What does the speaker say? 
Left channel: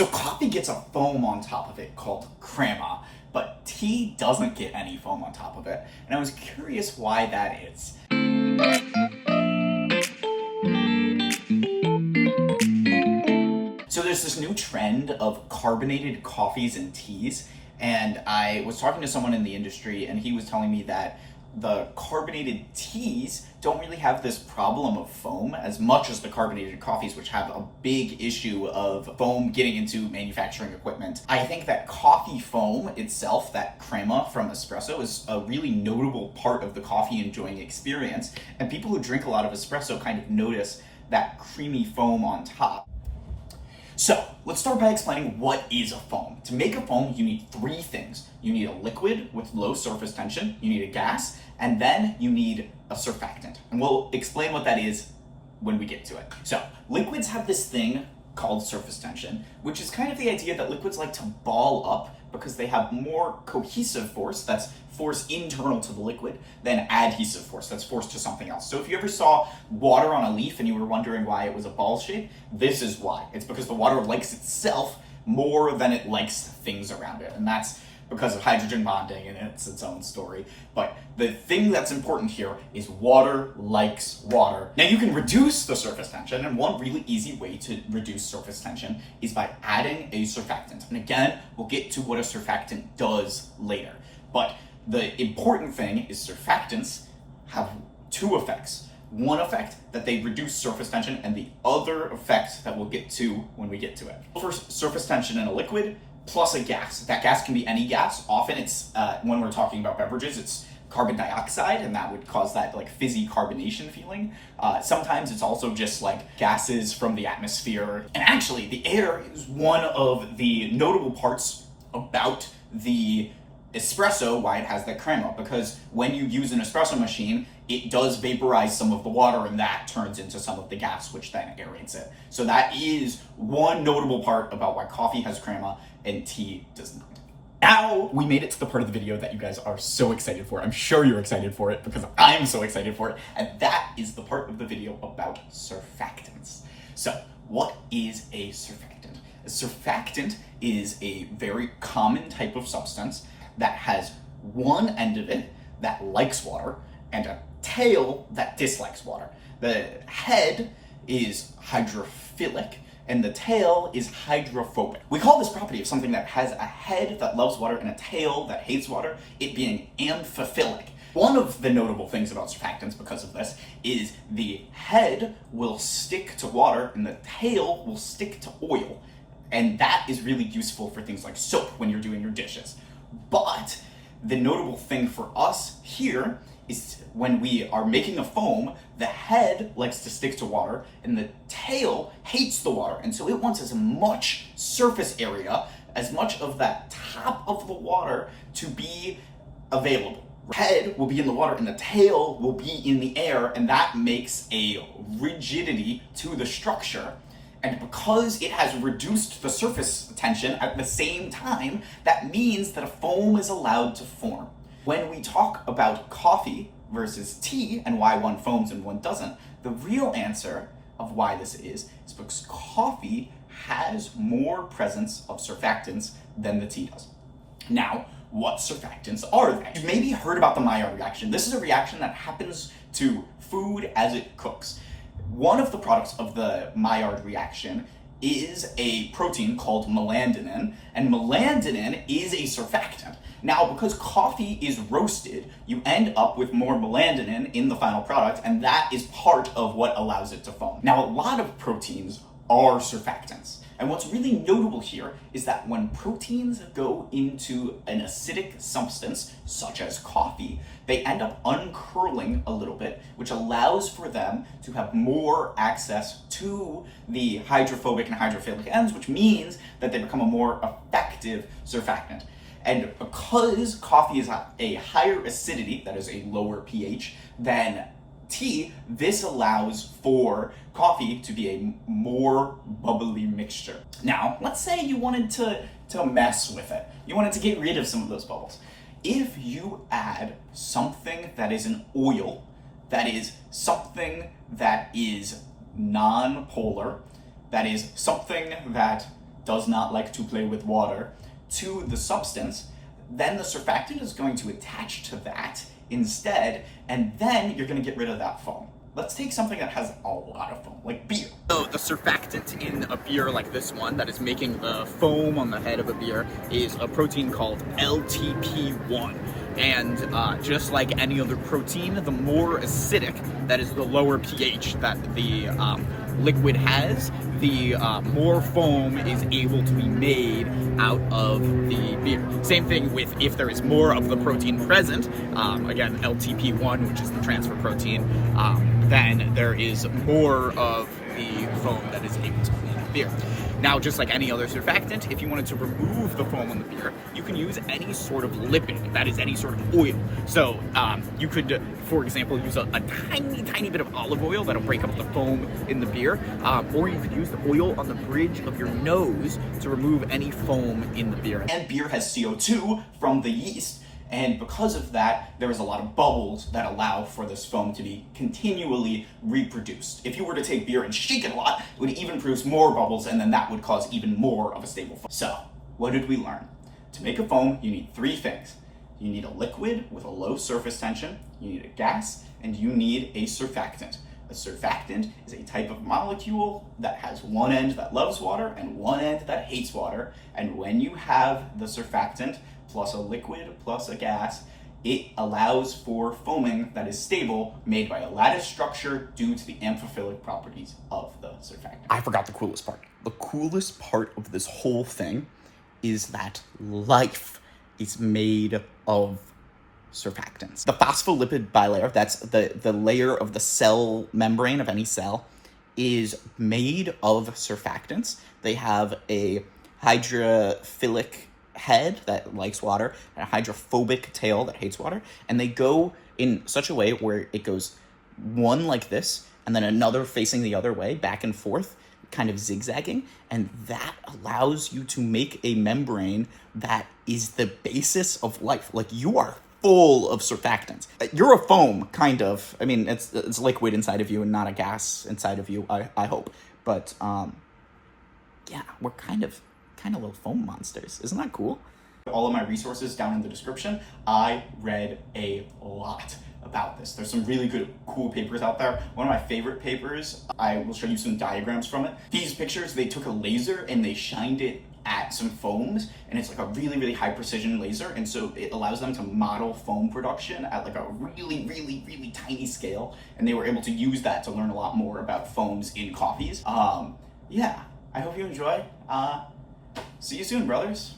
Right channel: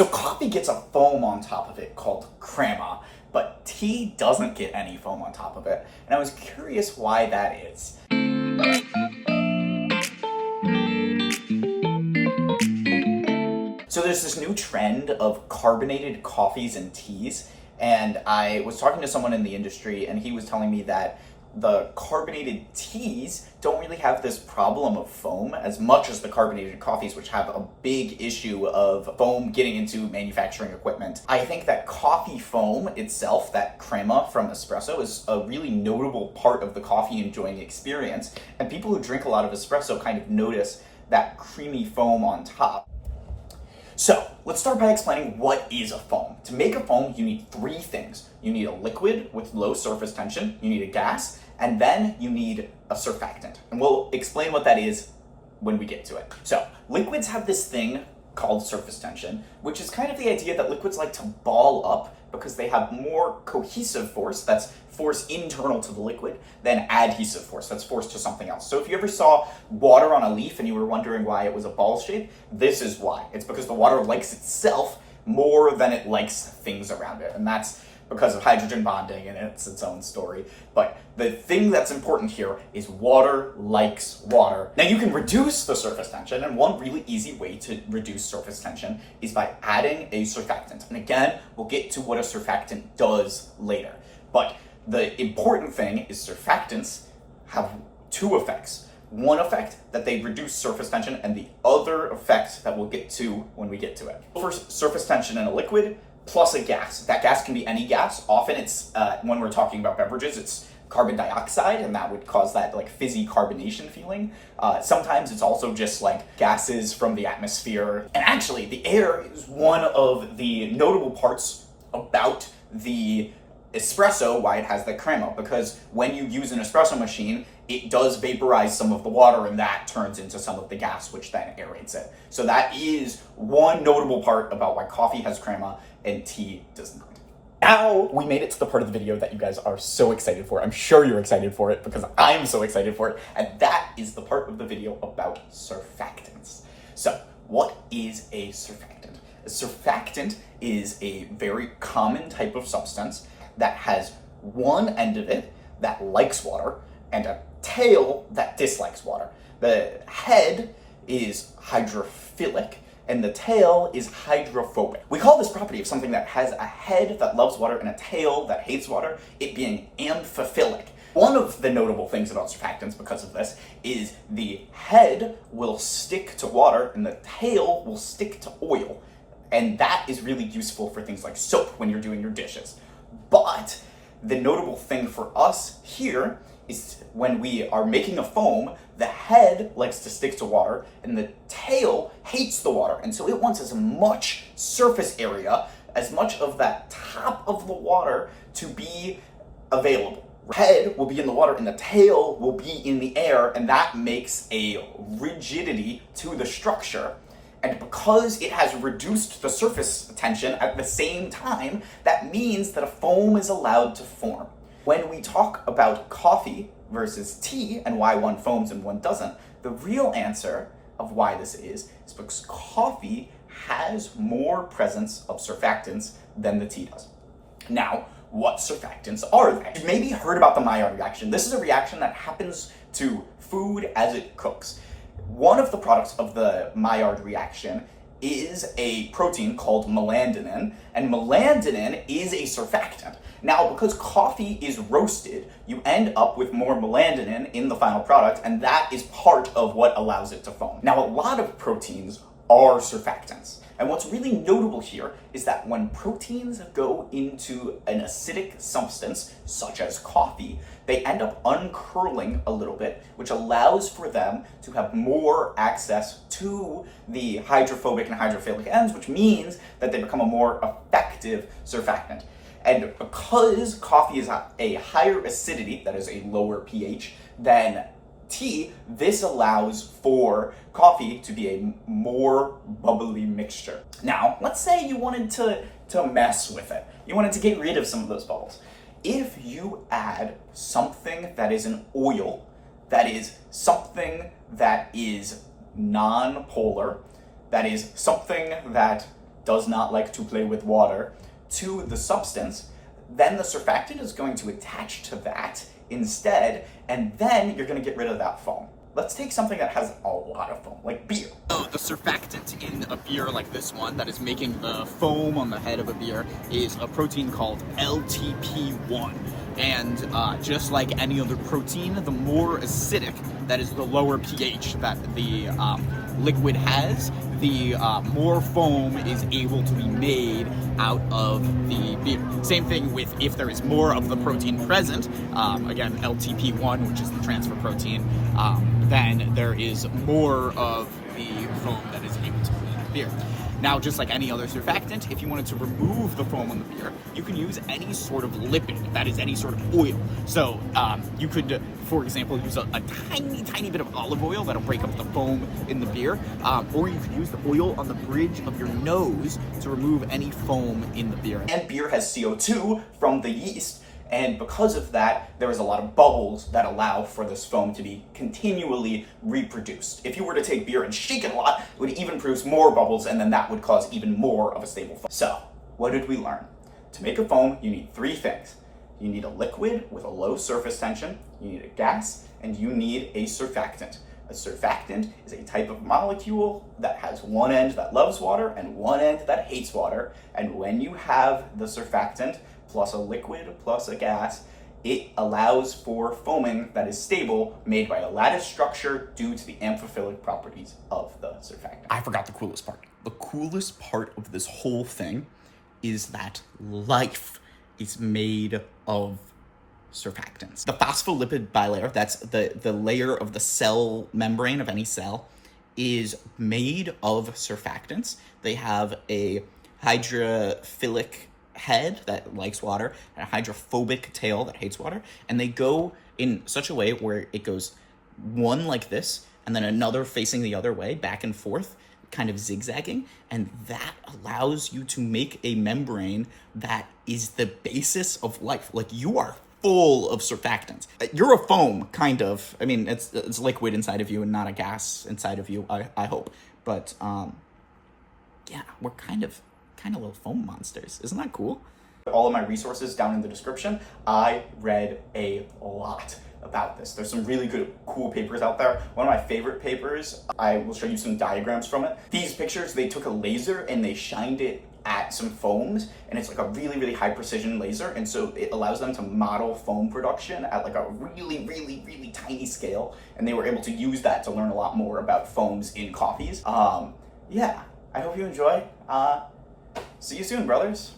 So coffee gets a foam on top of it called crema, but tea doesn't get any foam on top of it. And I was curious why that is. So there's this new trend of carbonated coffees and teas, and I was talking to someone in the industry and he was telling me that the carbonated teas don't really have this problem of foam as much as the carbonated coffees, which have a big issue of foam getting into manufacturing equipment. I think that coffee foam itself, that crema from espresso, is a really notable part of the coffee enjoying experience, and people who drink a lot of espresso kind of notice that creamy foam on top. So let's start by explaining what is a foam. To make a foam, you need three things. You need a liquid with low surface tension, you need a gas, and then you need a surfactant. And we'll explain what that is when we get to it. So liquids have this thing called surface tension, which is kind of the idea that liquids like to ball up because they have more cohesive force, that's force internal to the liquid, than adhesive force, that's force to something else. So if you ever saw water on a leaf and you were wondering why it was a ball shape, this is why. It's because the water likes itself more than it likes things around it. And that's because of hydrogen bonding, and it's its own story. But the thing that's important here is water likes water. Now you can reduce the surface tension, and one really easy way to reduce surface tension is by adding a surfactant. And again, we'll get to what a surfactant does later. But the important thing is surfactants have two effects. One effect, that they reduce surface tension, and the other effect that we'll get to when we get to it. First, surface tension in a liquid plus a gas. That gas can be any gas. Often it's, when we're talking about beverages, it's carbon dioxide, and that would cause that like fizzy carbonation feeling. Sometimes it's also just like gases from the atmosphere. And actually, the air is one of the notable parts about the espresso, why it has the crema, because when you use an espresso machine, it does vaporize some of the water, and that turns into some of the gas, which then aerates it. So that is one notable part about why coffee has crema and tea does not. Now we made it to the part of the video that you guys are so excited for. I'm sure you're excited for it because I'm so excited for it. And that is the part of the video about surfactants. So what is a surfactant? A surfactant is a very common type of substance that has one end of it that likes water and a tail that dislikes water. The head is hydrophilic and the tail is hydrophobic. We call this property of something that has a head that loves water and a tail that hates water, it being amphiphilic. One of the notable things about surfactants because of this is the head will stick to water and the tail will stick to oil. And that is really useful for things like soap when you're doing your dishes. But the notable thing for us here is when we are making a foam, the head likes to stick to water and the tail hates the water. And so it wants as much surface area, as much of that top of the water to be available. Head will be in the water and the tail will be in the air, and that makes a rigidity to the structure. And because it has reduced the surface tension at the same time, that means that a foam is allowed to form. When we talk about coffee versus tea and why one foams and one doesn't, the real answer of why this is because coffee has more presence of surfactants than the tea does. Now, what surfactants are they? You've maybe heard about the Maillard reaction. This is a reaction that happens to food as it cooks. One of the products of the Maillard reaction is a protein called melandinin, and melandinin is a surfactant. Now, because coffee is roasted, you end up with more melandinin in the final product, and that is part of what allows it to foam. Now, a lot of proteins are surfactants. And what's really notable here is that when proteins go into an acidic substance, such as coffee, they end up uncurling a little bit, which allows for them to have more access to the hydrophobic and hydrophilic ends, which means that they become a more effective surfactant. And because coffee is a higher acidity, that is a lower pH, than tea, this allows for coffee to be a more bubbly mixture. Now, let's say you wanted to mess with it. You wanted to get rid of some of those bubbles. If you add something that is an oil, that is something that is non-polar, that is something that does not like to play with water, to the substance, then the surfactant is going to attach to that instead, and then you're going to get rid of that foam. Let's take something that has a lot of foam, like beer. So the surfactant in a beer like this one that is making the foam on the head of a beer is a protein called LTP1. And just like any other protein, the more acidic, that is the lower pH that the liquid has, the more foam is able to be made out of the beer. Same thing with if there is more of the protein present, again, LTP1, which is the transfer protein, then there is more of the foam that is able to be made in the beer. Now, just like any other surfactant, if you wanted to remove the foam on the beer, you can use any sort of lipid, that is any sort of oil. So you could, for example, use a tiny bit of olive oil that'll break up the foam in the beer, or you could use the oil on the bridge of your nose to remove any foam in the beer. And beer has CO2 from the yeast, and because of that, there is a lot of bubbles that allow for this foam to be continually reproduced. If you were to take beer and shake it a lot, it would even produce more bubbles, and then that would cause even more of a stable foam. So, what did we learn? To make a foam, you need three things. You need a liquid with a low surface tension, you need a gas, and you need a surfactant. A surfactant is a type of molecule that has one end that loves water and one end that hates water, and when you have the surfactant plus a liquid plus a gas, it allows for foaming that is stable, made by a lattice structure due to the amphiphilic properties of the surfactant. I forgot the coolest part. The coolest part of this whole thing is that life is made of surfactants. The phospholipid bilayer, that's the layer of the cell membrane of any cell, is made of surfactants. They have a hydrophilic head that likes water and a hydrophobic tail that hates water, and they go in such a way where it goes one like this and then another facing the other way, back and forth, kind of zigzagging, and that allows you to make a membrane that is the basis of life. Like, you are full of surfactants. You're a foam, kind of. I mean, it's liquid inside of you and not a gas inside of you, I hope. But yeah, we're kind of little foam monsters. Isn't that cool? All of my resources down in the description. I read a lot about this. There's some really good, cool papers out there. One of my favorite papers, I will show you some diagrams from it. These pictures, they took a laser and they shined it at some foams, and it's like a really high precision laser, and so it allows them to model foam production at like a really tiny scale, and they were able to use that to learn a lot more about foams in coffees. Yeah, I hope you enjoy. See you soon, brothers.